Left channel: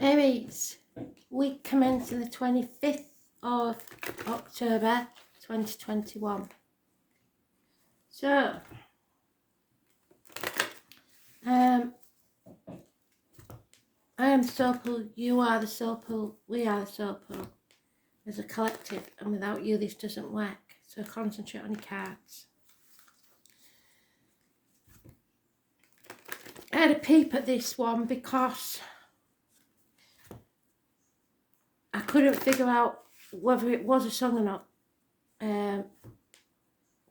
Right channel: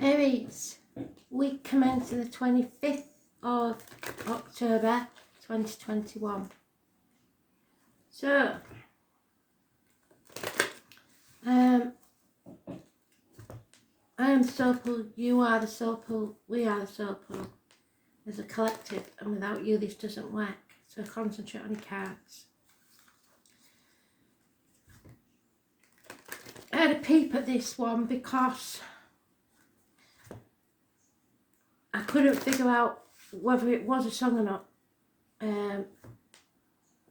Aries, week commencing the 25th of October 2021. So, I am the soul pool, you are the soul pool, we are the soul pool as a collective, and without you this doesn't work. So concentrate on your cards. I had a peep at this one because I couldn't figure out whether it was a song or not.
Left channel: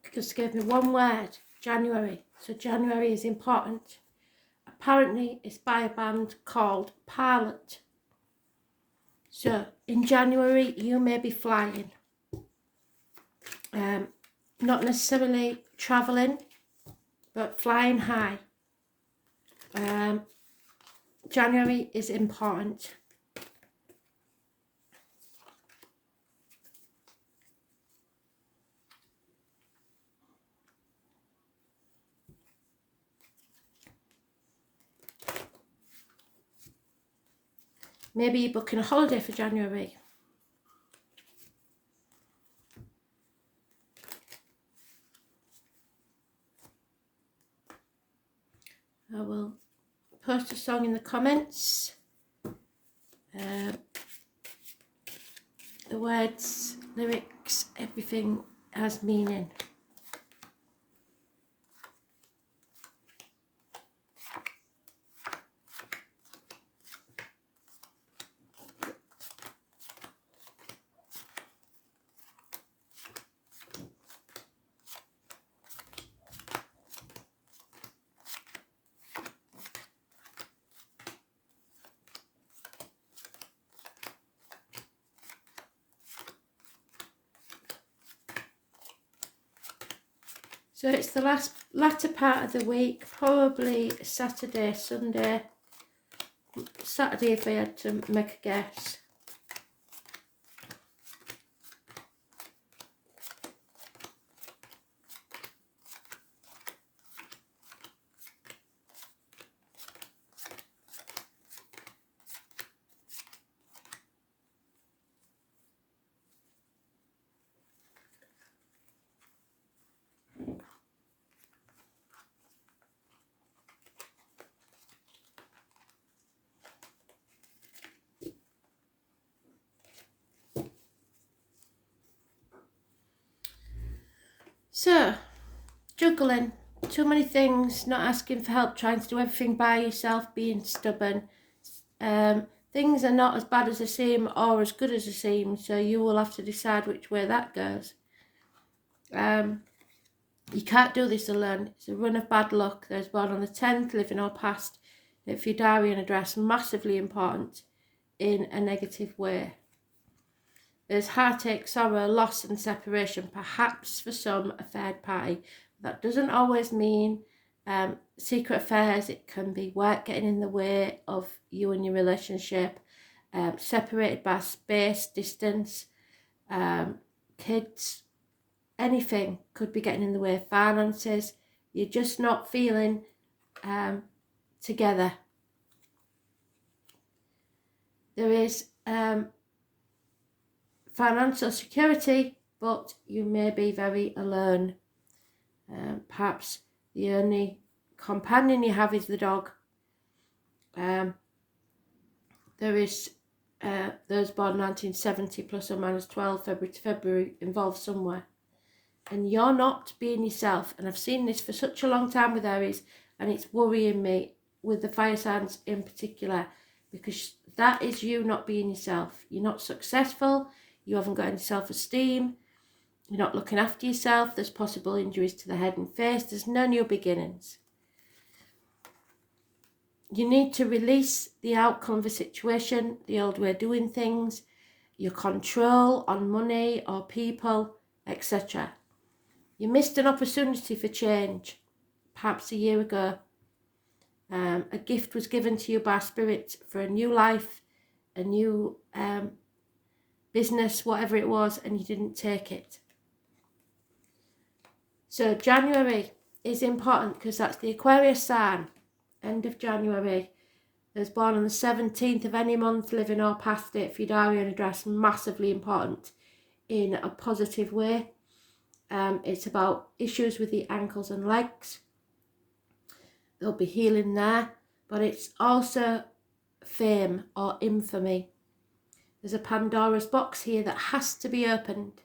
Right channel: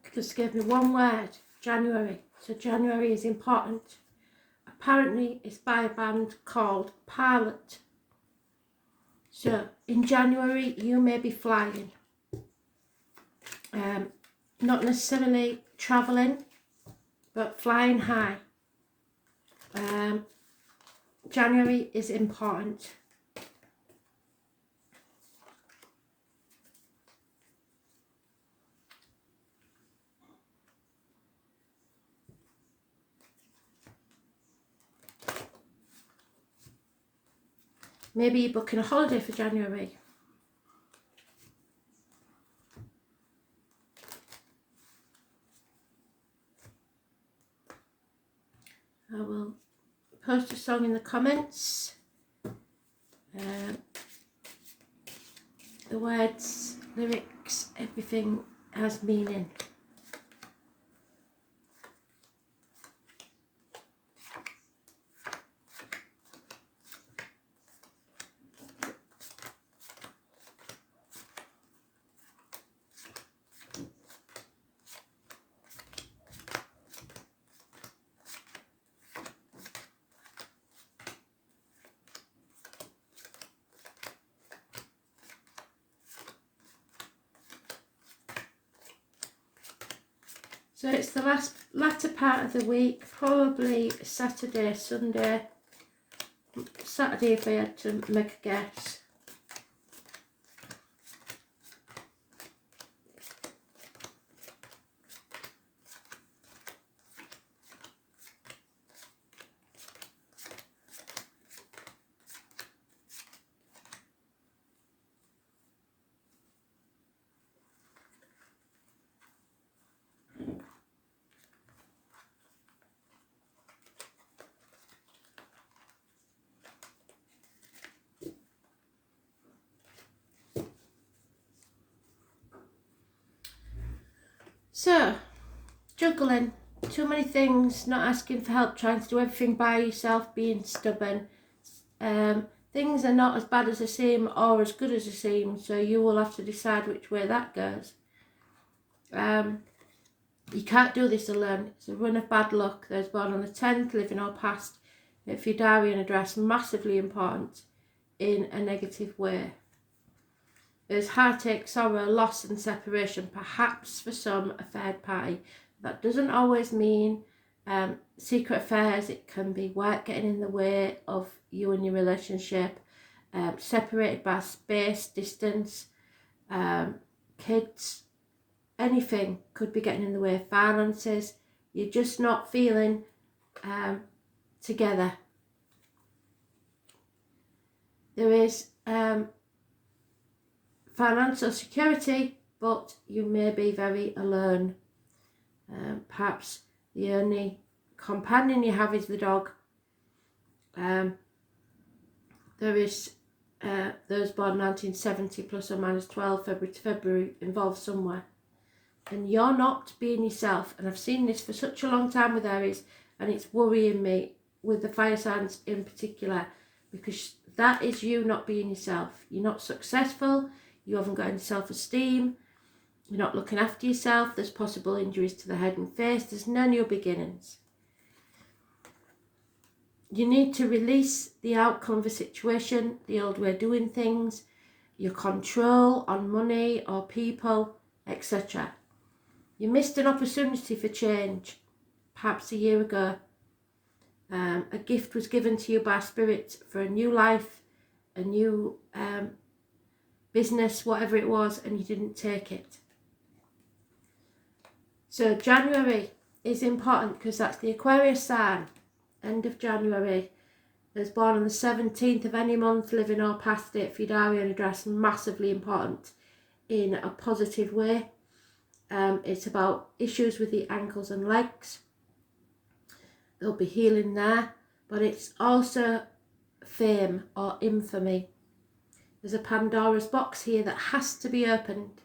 Because it gave me one word, January. So January is important. Apparently it's by a band called Pilot. So in January you may be flying. Not necessarily travelling, but flying high. January is important. Maybe you're booking a holiday for January. I will post a song in the comments. The words, lyrics, everything has meaning. So it's the latter part of the week, probably Saturday, Sunday. Saturday if I had to make a guess. So, juggling, too many things, not asking for help, trying to do everything by yourself, being stubborn. Things are not as bad as they seem or as good as they seem, so you will have to decide which way that goes. You can't do this alone. It's a run of bad luck. Those born on the 10th, living or past, if your diary and address, massively important in a negative way. There's heartache, sorrow, loss and separation, perhaps for some a third party. That doesn't always mean secret affairs. It can be work getting in the way of you and your relationship, separated by space, distance, kids, anything could be getting in the way. Finances, you're just not feeling together. There is financial security, but you may be very alone. Perhaps the only companion you have is the dog. There is those born 1970 plus or minus 12 February to February involved somewhere. And you're not being yourself. And I've seen this for such a long time with Aries, and it's worrying me with the fire signs in particular, because that is you not being yourself. You're not successful. You haven't got any self-esteem. You're not looking after yourself. There's possible injuries to the head and face. There's no new beginnings. You need to release the outcome of a situation, the old way of doing things, your control on money or people, etc. You missed an opportunity for change, perhaps a year ago. A gift was given to you by Spirit for a new life, a new business, whatever it was, and you didn't take it. So January is important because that's the Aquarius sign. End of January. Those born on the 17th of any month, living or past it, for your diary and address, massively important in a positive way. It's about issues with the ankles and legs. There'll be healing there, but it's also fame or infamy. There's a Pandora's box here that has to be opened.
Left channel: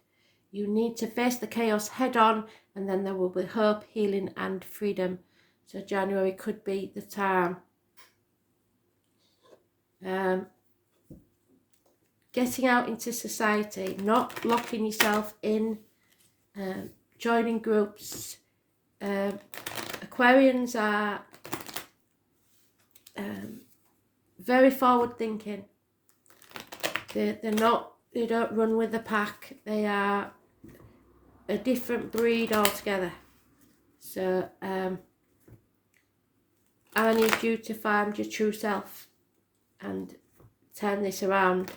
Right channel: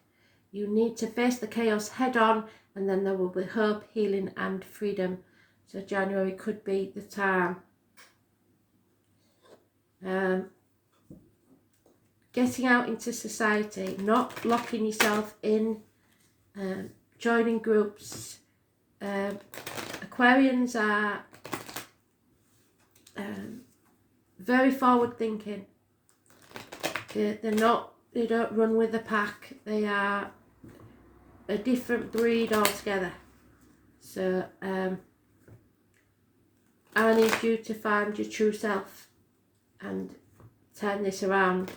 You need to face the chaos head on, and then there will be hope, healing and freedom. So January could be the time. Getting out into society, not locking yourself in, joining groups. Aquarians are very forward thinking. They don't run with the pack. They are a different breed altogether. So I need you to find your true self and turn this around.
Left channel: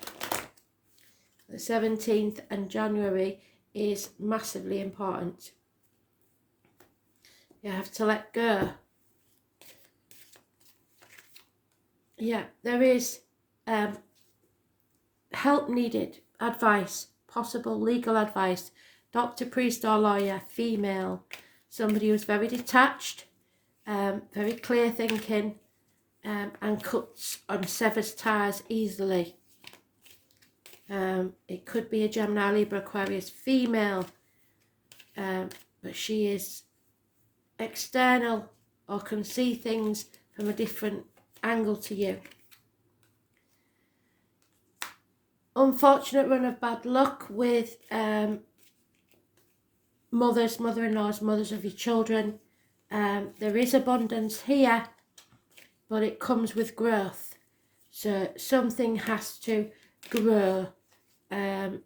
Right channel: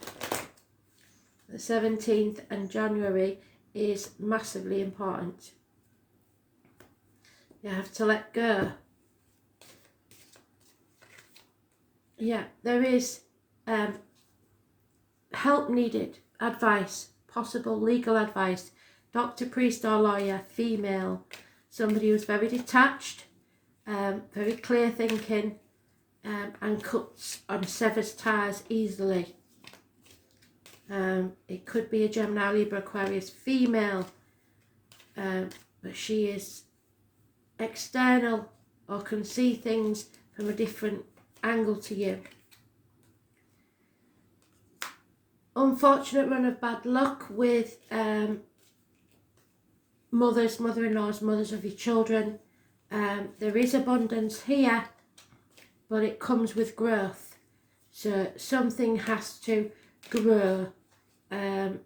The 17th and January is massively important. You have to let go. Yeah, there is help needed, advice, possible legal advice, doctor, priest or lawyer, female, somebody who's very detached, very clear thinking, and cuts and severs ties easily. It could be a Gemini, Libra, Aquarius female, but she is external or can see things from a different angle to you. Unfortunate run of bad luck with mothers, mother-in-laws, mothers of your children. There is abundance here, but it comes with growth. So something has to grow. The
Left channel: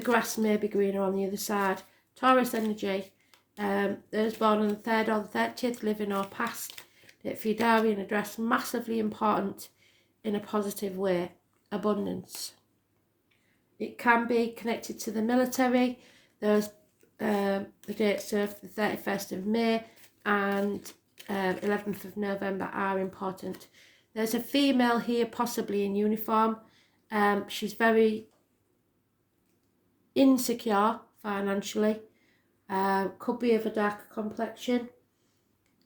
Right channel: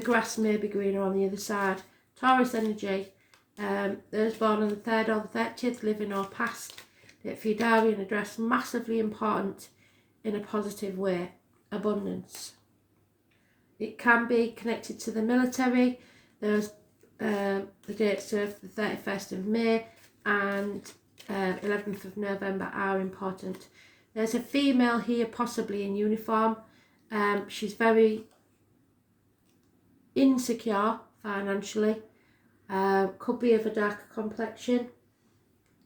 grass may be greener on the other side. Taurus energy. Those born on the 3rd or the 30th, living or past. For your diary and address, massively important in a positive way. Abundance. It can be connected to the military. There's the dates of the 31st of May and 11th of November are important. There's a female here, possibly in uniform. She's very insecure financially. Could be of a darker complexion.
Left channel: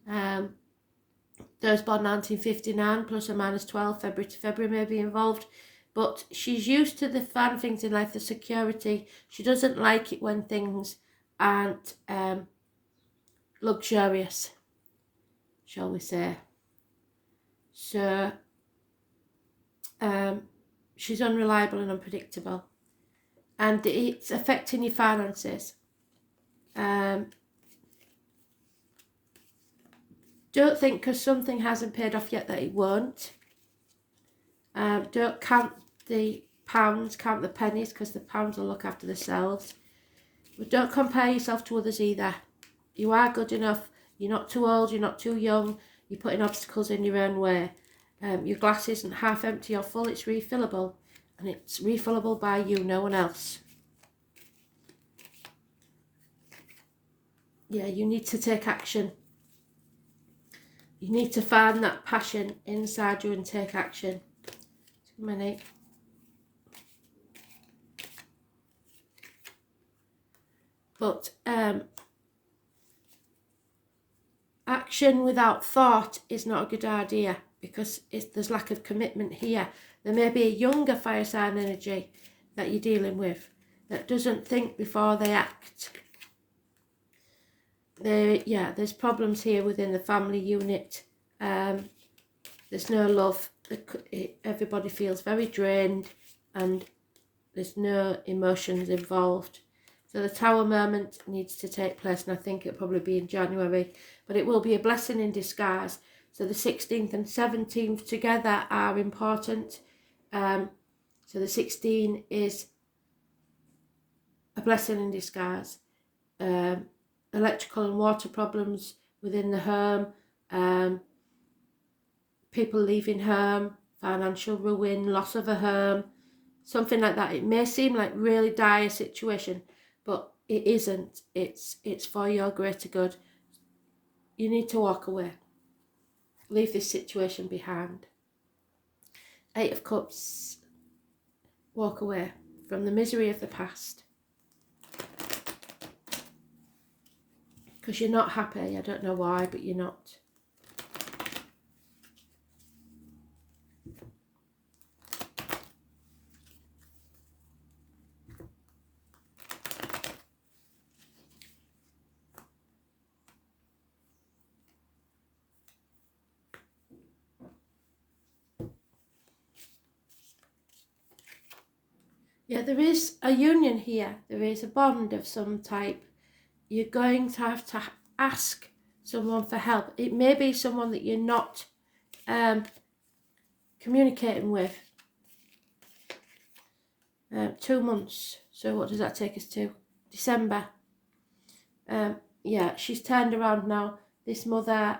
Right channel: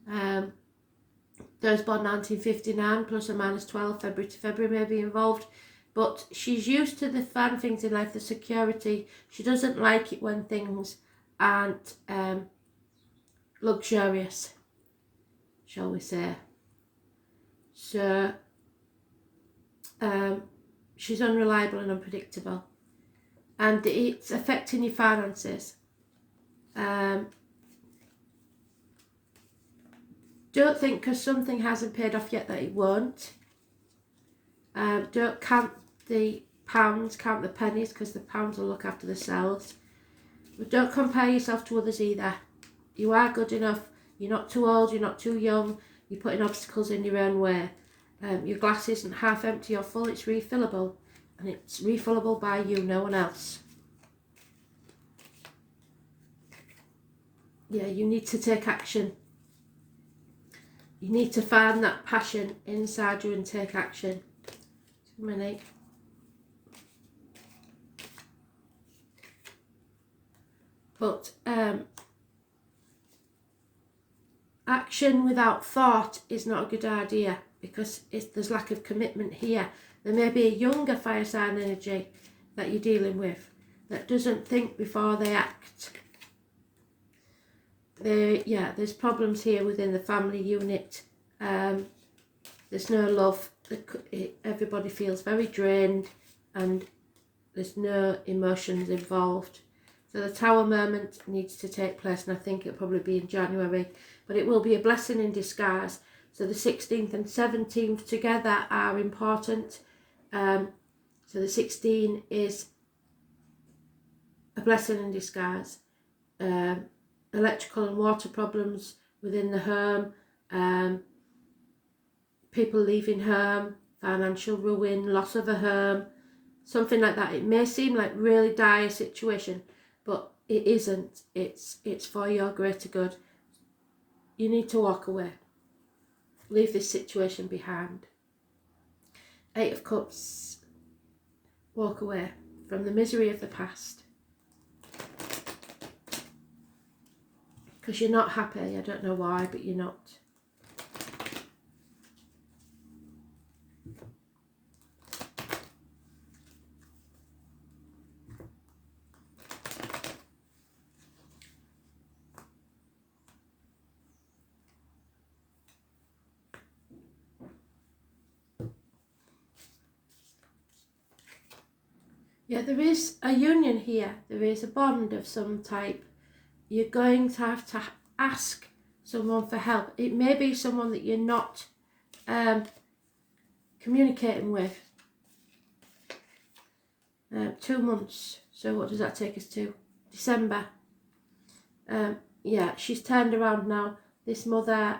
Those born 1959, plus or minus 12, February to February may be involved. But she's used to the fun things in life, the security. She doesn't like it when things aren't luxurious, shall we say. So she's unreliable and unpredictable. And it's affecting your finances. Don't think because something hasn't paid off yet that it won't. Don't count the pounds, count the pennies, because the pounds will look after themselves. But don't compare yourself to others either. You are good enough. You're not too old, you're not too young. You're putting obstacles in your own way. Your glass isn't half empty or full, it's refillable. And it's refillable by you, no one else. Yeah, you need to take action. You need to find that passion inside you and take action. Too many. But action without thought is not a good idea, because there's lack of commitment here. There may be a younger fire sign energy that you're dealing with that doesn't think before they act. There's problems here within the family unit. There's no love. Everybody feels very drained and there's no emotions involved. So the Tower moment needs to take place, and I think it'll probably be in January, but it will be a blessing in disguise. So the 16th and 17th together are important. So the 16 is a blessing in disguise. Electrical and water problems within the home, people leaving home, financial ruin, loss of a home, something like that. It may seem like really dire situation, but it isn't. It's for your greater good. You need to walk away. leave this situation behind. 8 of Cups, walk away from the misery of the past. Because you're not happy, I don't know why, but you're not. Yeah, there is a union here. There is a bond of some type. You're going to have to ask someone for help. It may be someone that you're not communicating with. 2 months. So what does that take us to? December. Yeah, she's turned around now. This mother,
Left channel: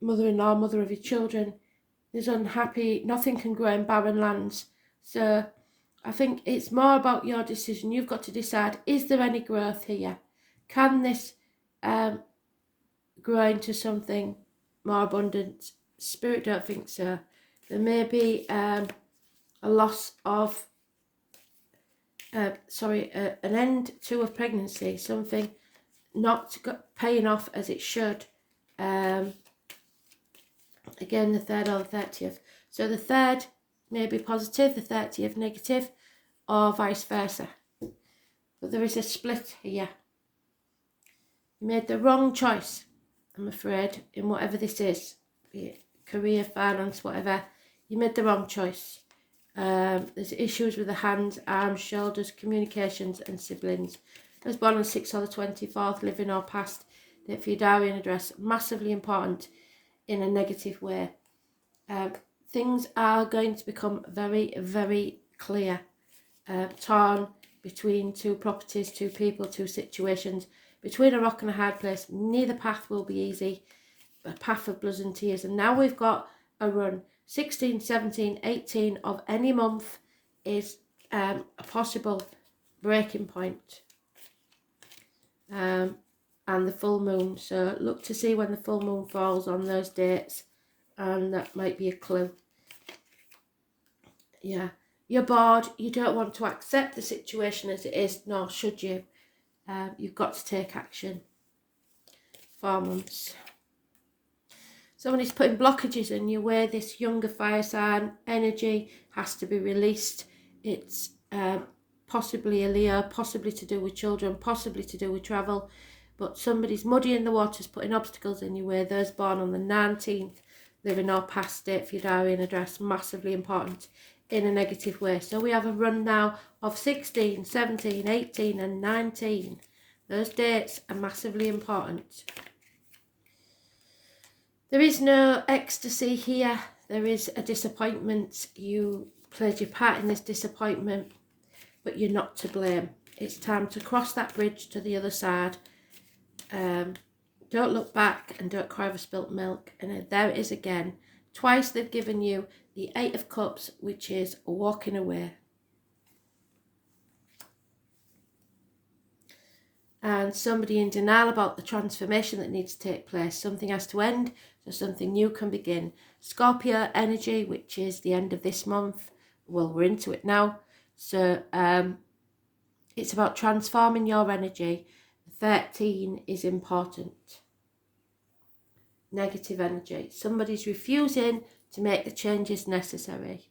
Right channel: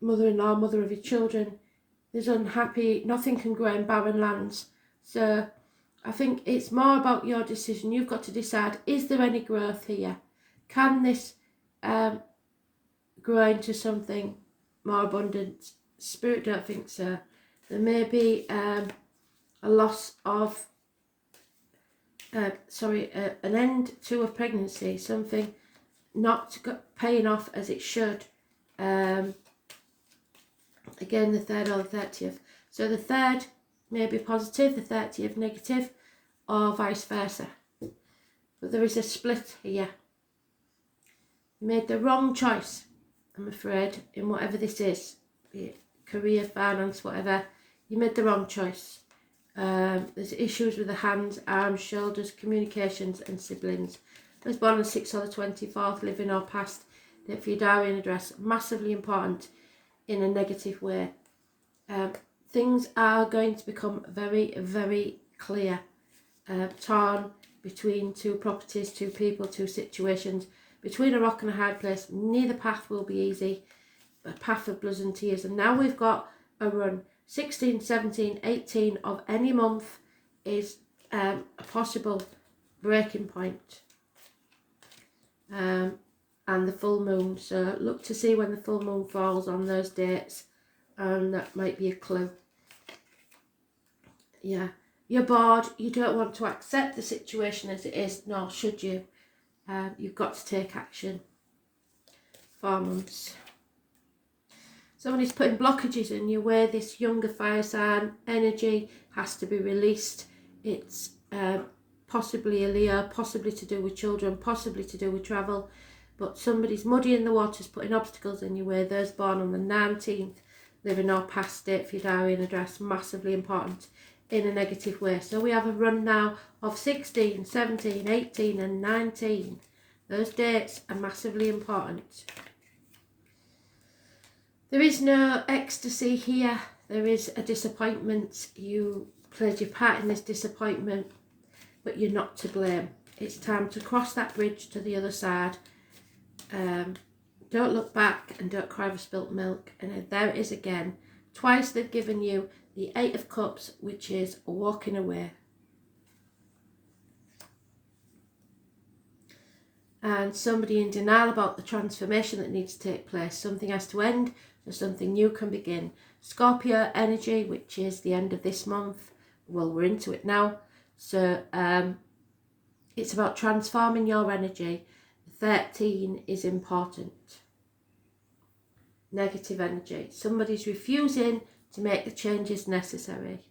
mother-in-law, mother of your children, is unhappy. Nothing can grow in barren lands. So I think it's more about your decision. You've got to decide, is there any growth here? Can this grow into something more abundant? Spirit don't think so. There may be a loss of, an end to a pregnancy, something not paying off as it should. Again, the 3rd or the 30th. So the 3rd may be positive, the 30th negative, or vice versa. But there is a split here. You made the wrong choice, I'm afraid, in whatever this is. Be it career, finance, whatever. You made the wrong choice. There's issues with the hands, arms, shoulders, communications and siblings. Those born on the 6th or the 24th, living or past, date for your diary and address. Massively important in a negative way. Things are going to become very, very clear. Torn between 2 properties, 2 people, 2 situations. Between a rock and a hard place. Neither path will be easy. A path of blood and tears. And now we've got a run. 16, 17, 18 of any month is a possible breaking point. And the full moon. So look to see when the full moon falls on those dates. And that might be a clue. Yeah. You're bored. You don't want to accept the situation as it is. Nor should you. You've got to take action. 4 months. Somebody's putting blockages in your way. This younger fire sign energy has to be released. It's possibly a Leo, possibly to do with children, possibly to do with travel. But somebody's muddying the waters, putting obstacles in your way. Those born on the 19th, living or past date for your diary and address. Massively important in a negative way. So we have a run now of 16, 17, 18 and 19. Those dates are massively important. There is no ecstasy here. There is a disappointment. You played your part in this disappointment, but you're not to blame. It's time to cross that bridge to the other side. Don't look back and don't cry over spilt milk. And there it is again. Twice they've given you the 8 of Cups, which is walking away. And somebody in denial about the transformation that needs to take place. Something has to end, so something new can begin. Scorpio energy, which is the end of this month. Well, we're into it now. So it's about transforming your energy. 13 is important. Negative energy. Somebody's refusing to make the changes necessary.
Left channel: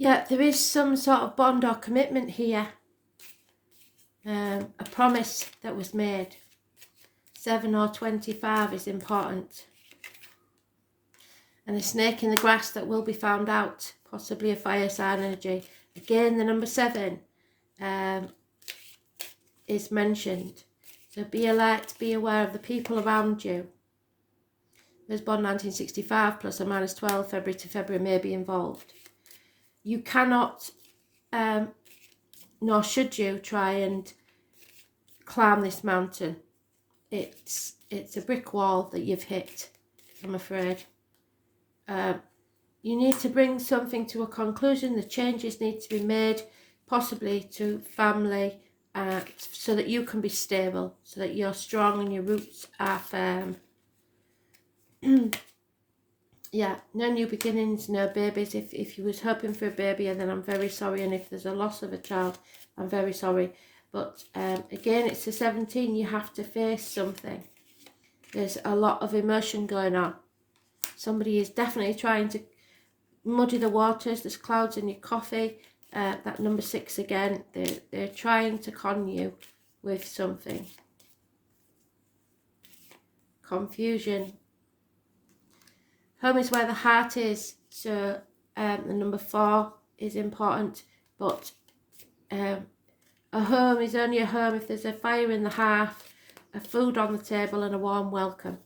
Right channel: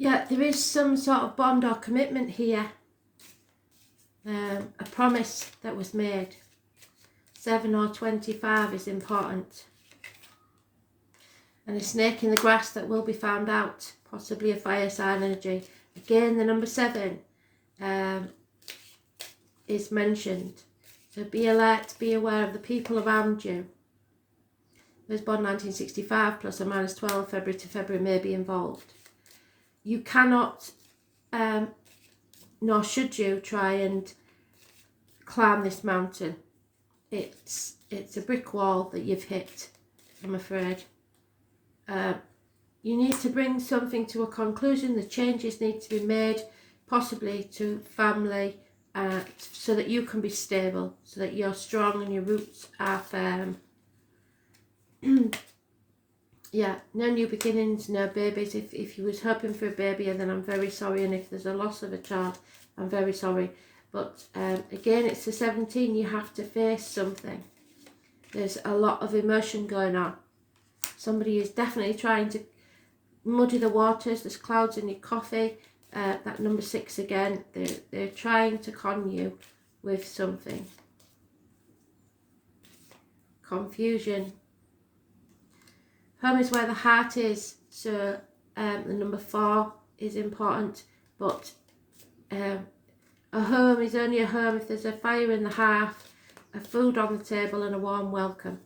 Yeah, there is some sort of bond or commitment here. A promise that was made. 7 or 25 is important. And a snake in the grass that will be found out. Possibly a fire sign energy. Again, the number 7 is mentioned. So be alert, be aware of the people around you. was born 1965, plus or minus 12, February to February, may be involved. You cannot, nor should you, try and climb this mountain. It's a brick wall that you've hit, I'm afraid. You need to bring something to a conclusion. The changes need to be made, possibly to family, so that you can be stable, so that you're strong and your roots are firm. Yeah, no new beginnings, no babies. If you was hoping for a baby, then I'm very sorry. And if there's a loss of a child, I'm very sorry. But again, it's the 17. You have to face something. There's a lot of emotion going on. Somebody is definitely trying to muddy the waters. There's clouds in your coffee. That number 6 again. They're trying to con you with something. Confusion. Home is where the heart is, so the number 4 is important, but a home is only a home if there's a fire in the hearth, a food on the table and a warm welcome.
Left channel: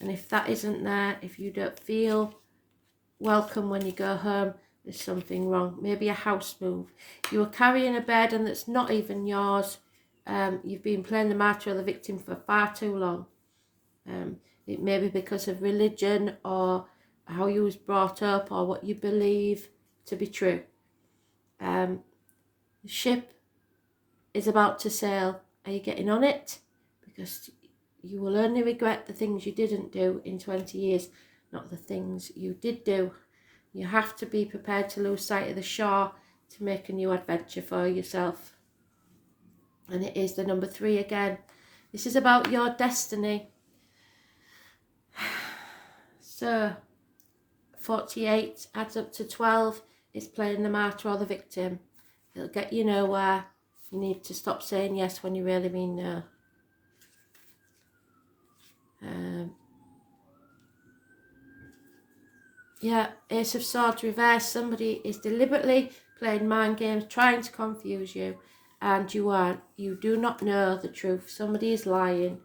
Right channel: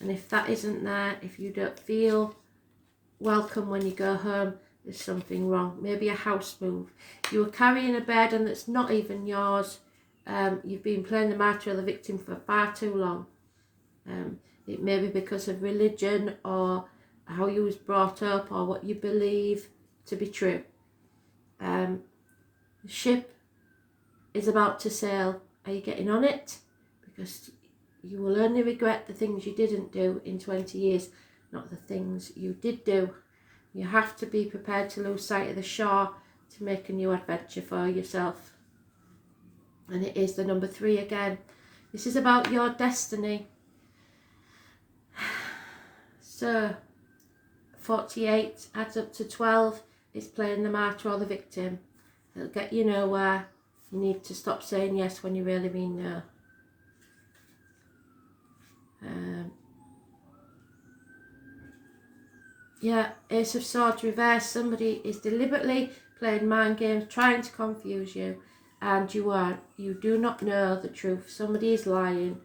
And if that isn't there, if you don't feel welcome when you go home, there's something wrong. Maybe a house move. You are carrying a burden that's not even yours. You've been playing the martyr or the victim for far too long. It may be because of religion or how you was brought up or what you believe to be true. The ship is about to sail. Are you getting on it? Because you will only regret the things you didn't do in 20 years, not the things you did do. You have to be prepared to lose sight of the shore to make a new adventure for yourself. And it is the number 3 again. This is about your destiny. So 48 adds up to 12. It's playing the martyr or the victim. It'll get you nowhere. You need to stop saying yes when you really mean no. Yeah, Ace of Swords reverse. Somebody is deliberately playing mind games, trying to confuse you, and you do not know the truth. Somebody is lying.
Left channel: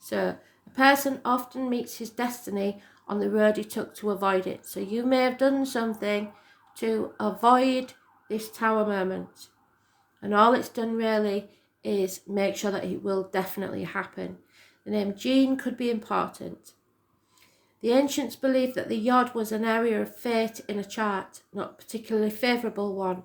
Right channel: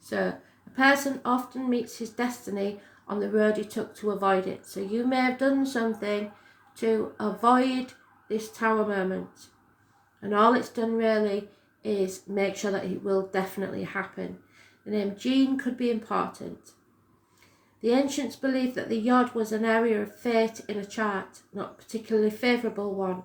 So a person often meets his destiny on the road he took to avoid it. So you may have done something to avoid this tower moment, and all it's done really is make sure that it will definitely happen. The name Jean could be important. The ancients believed that the yod was an area of fate in a chart, not a particularly favourable one.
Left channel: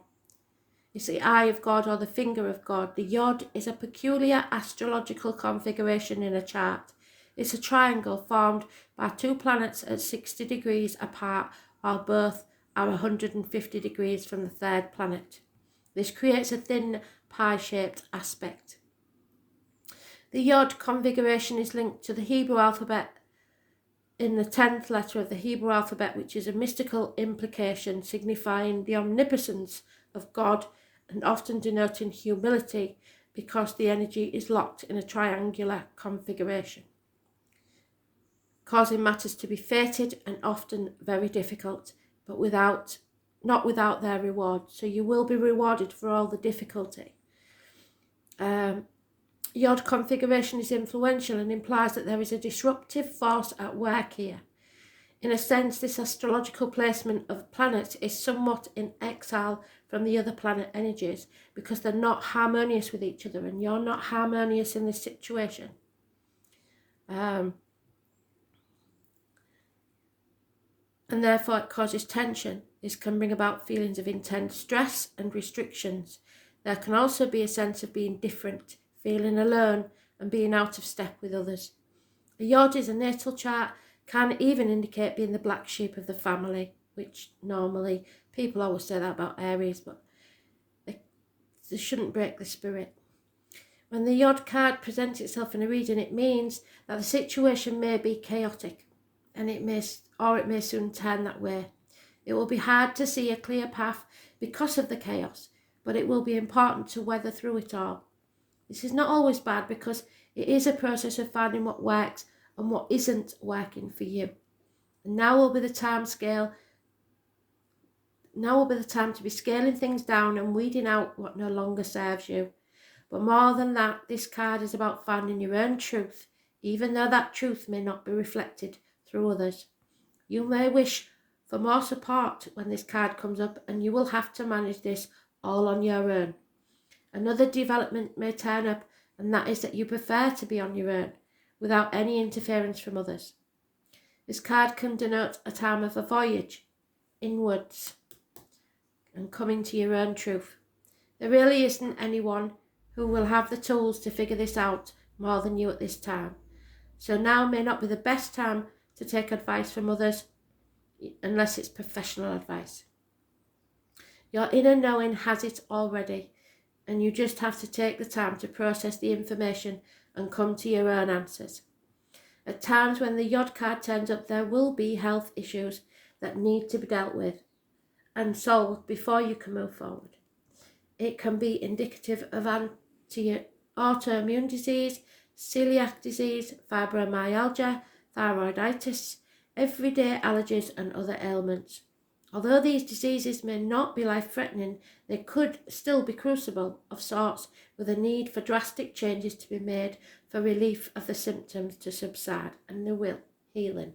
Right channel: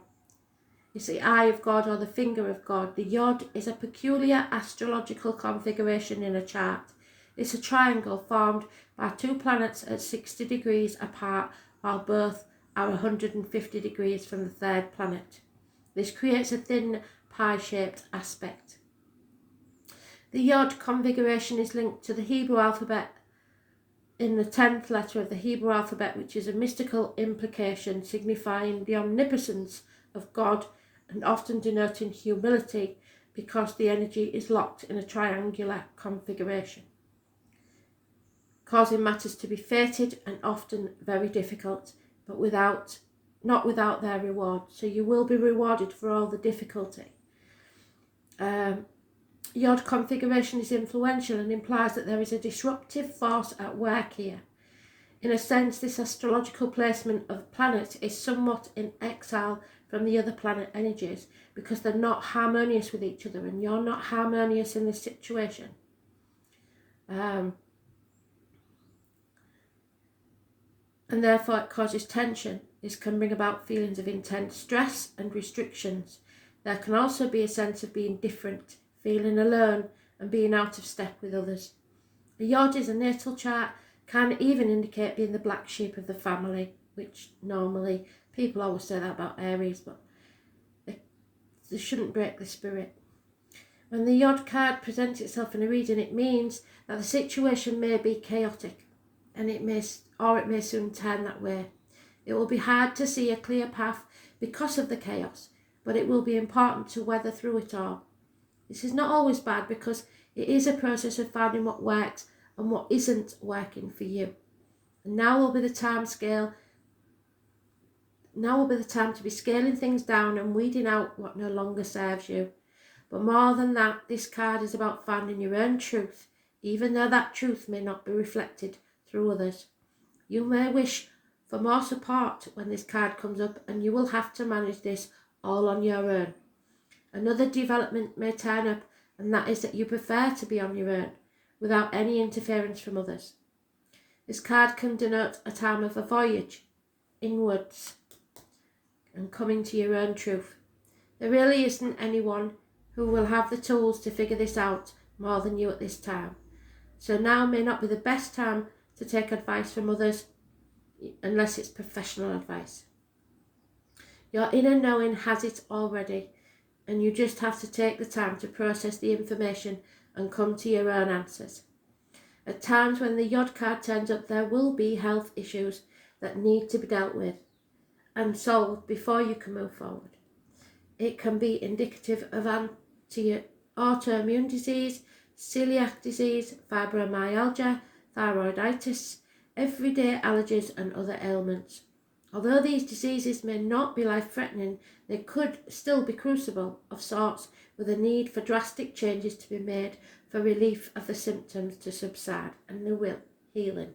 It's the eye of God or the finger of God. The yod is a peculiar astrological configuration in a chart. It's a triangle formed by 2 planets at 60 degrees apart, while both are 150 degrees from the 3rd planet. This creates a thin pie-shaped aspect. The yod configuration is linked to the Hebrew alphabet in the 10th letter of the Hebrew alphabet, which is a mystical implication signifying the omnipotence of God and often denoting humility because the energy is locked in a triangular configuration, causing matters to be fated and often very difficult, but not without their reward. So you will be rewarded for all the difficulty. Yod configuration is influential and implies that there is a disruptive force at work here. In a sense, this astrological placement of planets is somewhat in exile from the other planet energies because they're not harmonious with each other, and you're not harmonious in this situation. And therefore it causes tension. This can bring about feelings of intense stress and restrictions. There can also be a sense of being different, feeling alone and being out of step with others. A yod is a natal chart, can even indicate being the black sheep of the family, which normally, people always say that about Aries, but they shouldn't break the spirit. When the yod card presents itself in a reading, it means that the situation may be chaotic, and it may soon turn that way. It will be hard to see a clear path because of the chaos, but it will be important to weather through it all. This is not always bad because it is a process of finding what works and what isn't working for you. And now will be the time to be scaling things down and weeding out what no longer serves you. But more than that, this card is about finding your own truth, even though that truth may not be reflected through others. You may wish for more support when this card comes up, and you will have to manage this all on your own. Another development may turn up, and that is that you prefer to be on your own, without any interference from others. This card can denote a time of a voyage inwards and coming to your own truth. There really isn't anyone who will have the tools to figure this out more than you at this time. So now may not be the best time to take advice from others unless it's professional advice. Your inner knowing has it already, and you just have to take the time to process the information and come to your own answers. At times when the Yod card turns up, there will be health issues that need to be dealt with and solved before you can move forward. It can be indicative of autoimmune disease, celiac disease, fibromyalgia, thyroiditis, everyday allergies and other ailments. Although these diseases may not be life-threatening, they could still be crucible of sorts, with a need for drastic changes to be made for relief of the symptoms to subside and the healing.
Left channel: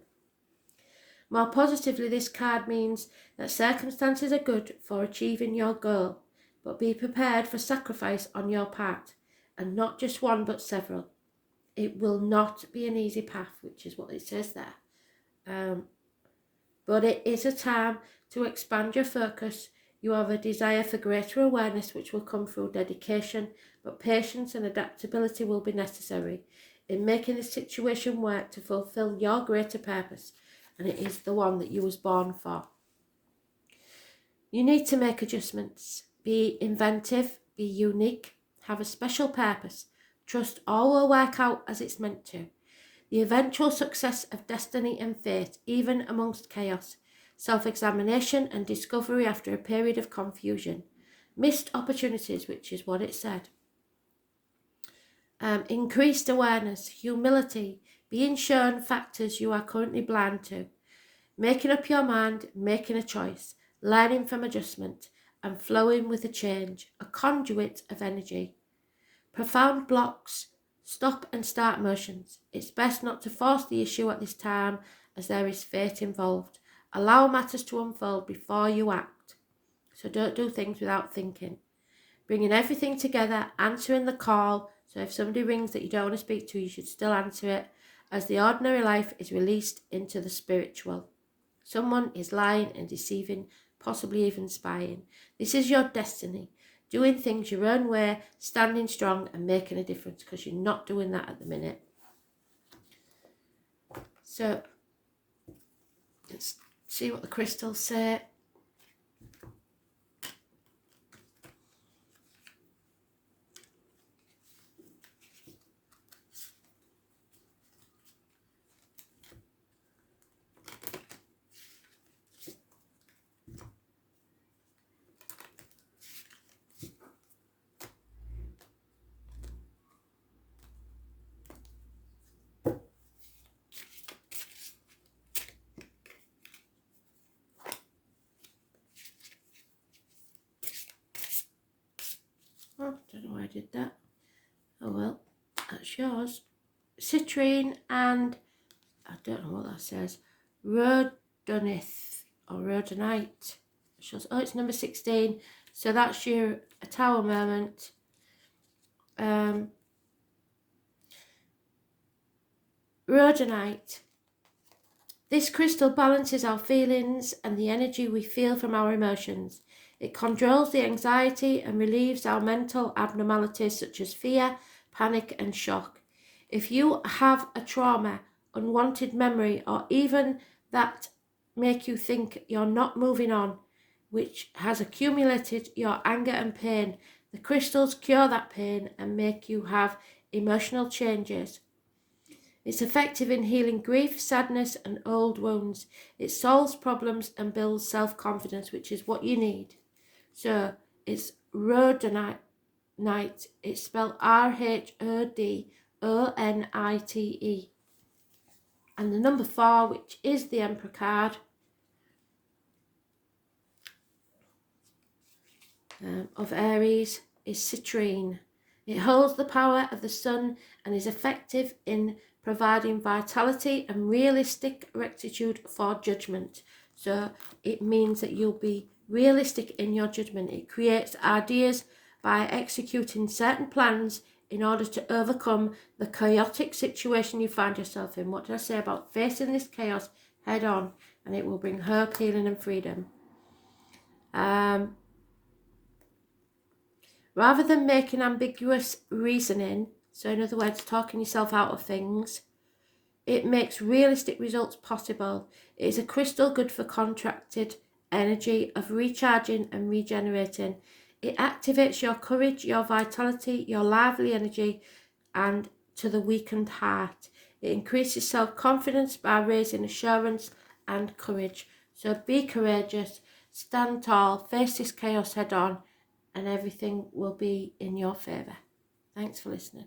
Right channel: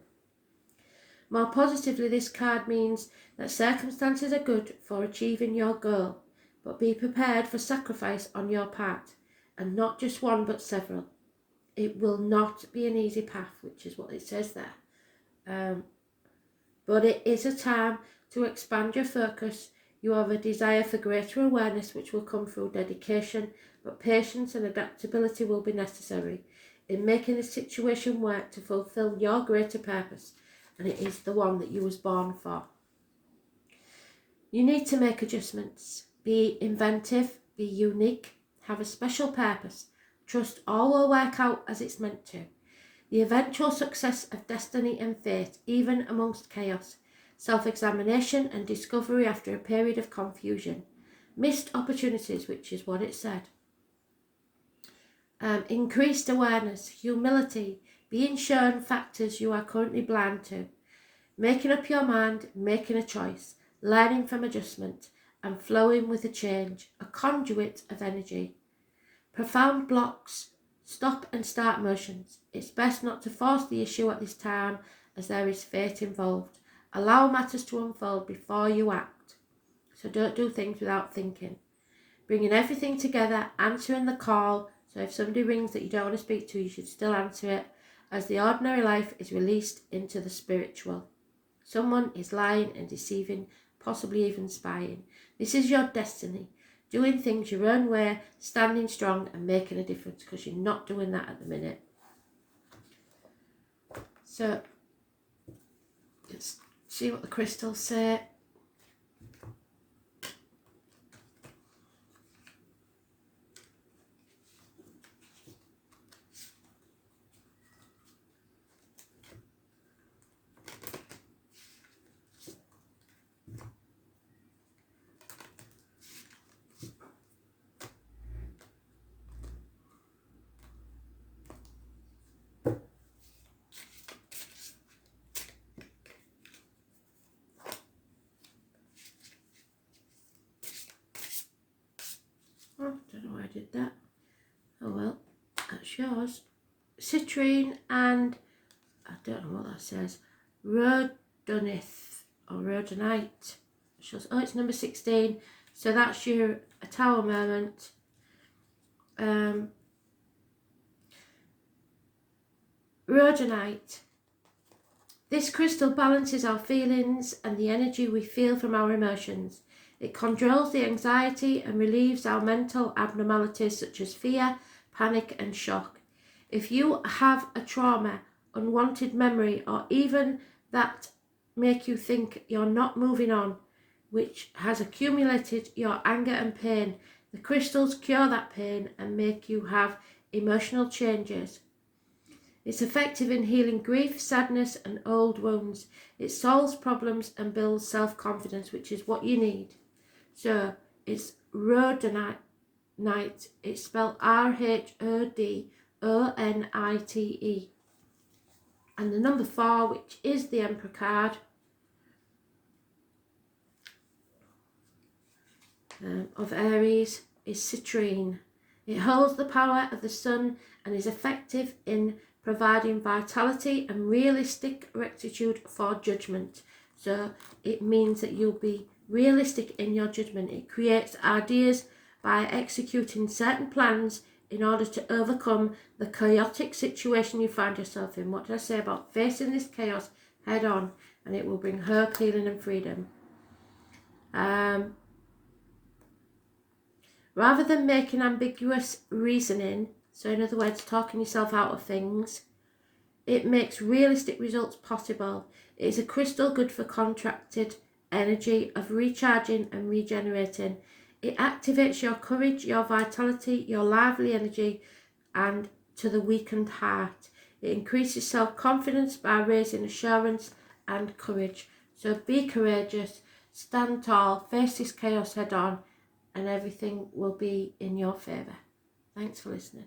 More positively, this card means that circumstances are good for achieving your goal, but be prepared for sacrifice on your part, and not just one but several. It will not be an easy path, which is what it says there. But it is a time to expand your focus. You have a desire for greater awareness, which will come through dedication, but patience and adaptability will be necessary in making the situation work to fulfill your greater purpose, and it is the one that you was born for. You need to make adjustments. Be inventive, be unique, have a special purpose. Trust all will work out as it's meant to. The eventual success of destiny and fate, even amongst chaos, self-examination and discovery after a period of confusion, missed opportunities, which is what it said. Increased awareness, humility, being shown factors you are currently blind to, making up your mind, making a choice, learning from adjustment, and flowing with the change, a conduit of energy. Profound blocks, stop and start motions. It's best not to force the issue at this time, as there is fate involved. Allow matters to unfold before you act. So don't do things without thinking. Bringing everything together, answering the call. So if somebody rings that you don't want to speak to, you should still answer it, as the ordinary life is released into the spiritual. Someone is lying and deceiving, possibly even spying. This is your destiny. Doing things your own way, standing strong and making a difference, because you're not doing that at the minute. So let's see what the crystals say. Oh, don't know why I did that. Oh well, that's yours. Citrine and, I don't know what that says, Rhodolite or Rhodolite. Oh, it's number 16. So that's your tower moment. Rhodolite. This crystal balances our feelings and the energy we feel from our emotions. It controls the anxiety and relieves our mental abnormalities such as fear, panic and shock. If you have a trauma, unwanted memory, or even that make you think you're not moving on, which has accumulated your anger and pain, the crystals cure that pain and make you have emotional changes. It's effective in healing grief, sadness and old wounds. It solves problems and builds self-confidence, which is what you need. So it's Rhodolite. It's spelled Rhodonite. And the number 4, which is the Emperor card, of Aries, is citrine. It holds the power of the sun and is effective in providing vitality and realistic rectitude for judgment. So it means that you'll be realistic in your judgment. It creates ideas by executing certain plans in order to overcome the chaotic situation you find yourself in. What did I say about facing this chaos head on? And it will bring hope, healing and freedom. Rather than making ambiguous reasoning, so in other words, talking yourself out of things, it makes realistic results possible. It is a crystal good for contracted energy of recharging and regenerating. It activates your courage, your vitality, your lively energy, and to the weakened heart. It increases self-confidence by raising assurance and courage. So be courageous, stand tall, face this chaos head on, and everything will be in your favour. Thanks for listening.